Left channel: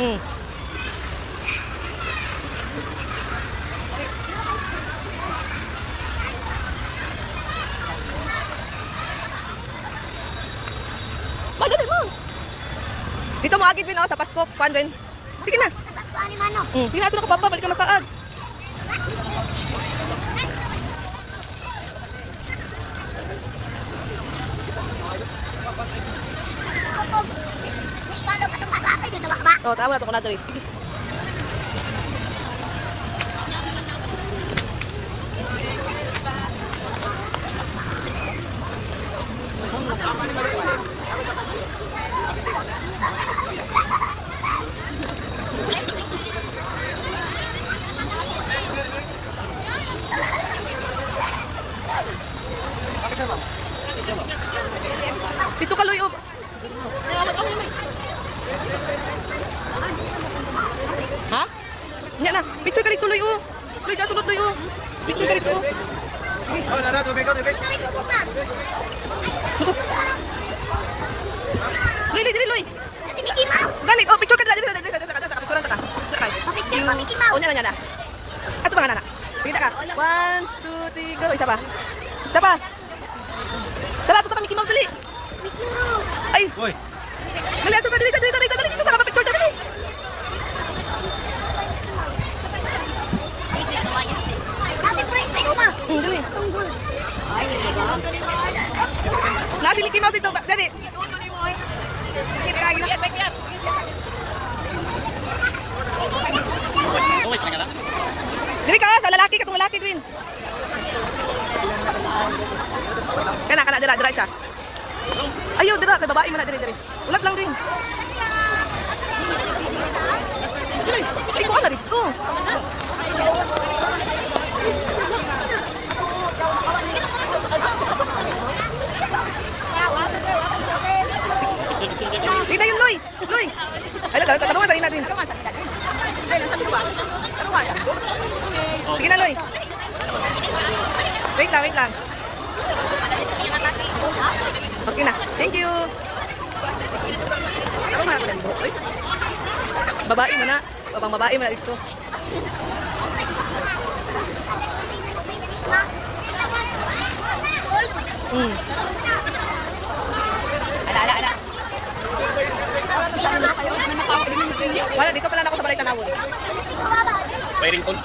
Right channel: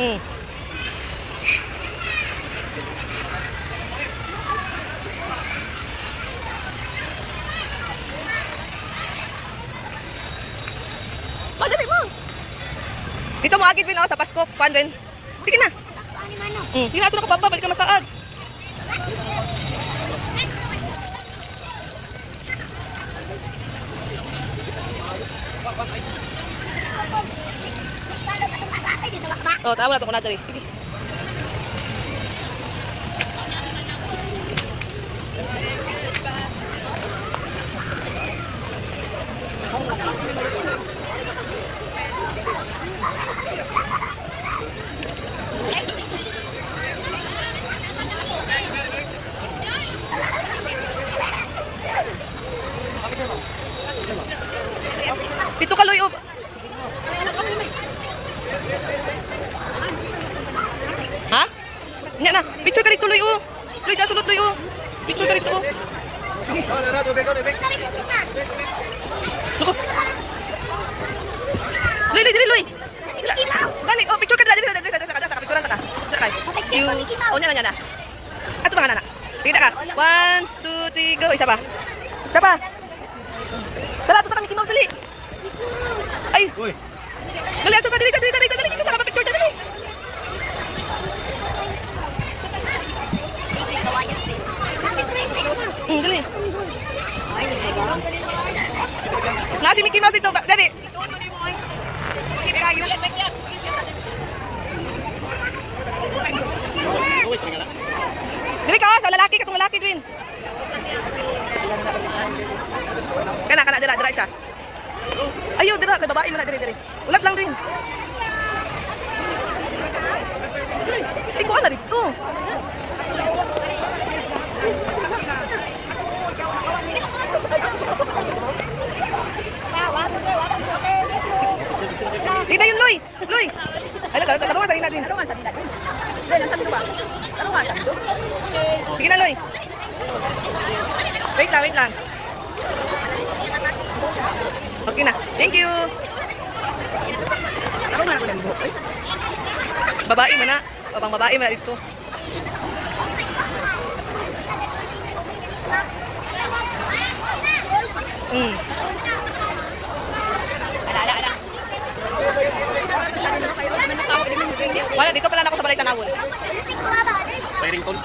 Dali mo. Dito mo agad din sa Pasko. Kuan din. Sige na. Sa Pasko ani manok. Sige na, ito na kapapa. Balik ka masaad. Oh, tama na ito ko na dali. Sige. Pito ka, Loy. Ha? Nya na. Picture ka dito, Loy. Loy, dasulot, Loy. Picture ka dito. Sige. Luko. Loy, Loy, Loy. Dami. Oh, picture ka dito. Dali, picturean ta ka. Excuse. Oh, nya na. Ato ba nga, nana? Sige na ka. 1, 2, 3, go. Isa pa. Isa pa. Tara, ito kami Mickey Mouse, dali. Ay. Dali, ito pa, dali. Kita ka picture, dali. Dali. Nasi Mickey Mouse ito, dali. Tayo. Dali ka, sa lalaki, katong lalaki, Twin. Kana, dira isa. Ayaw, dira, kay babae mo na, diri. Ulat lang din. Ay, kuha na dito. Sige yun, Loy. Ay, tarungan sa rin natin. Sige na, Loy. Wait lang. Okay na. Thank you. Babae man na. Babang babae man na dito. Wala, dito pala na ako sa balay tanawon. Mayroon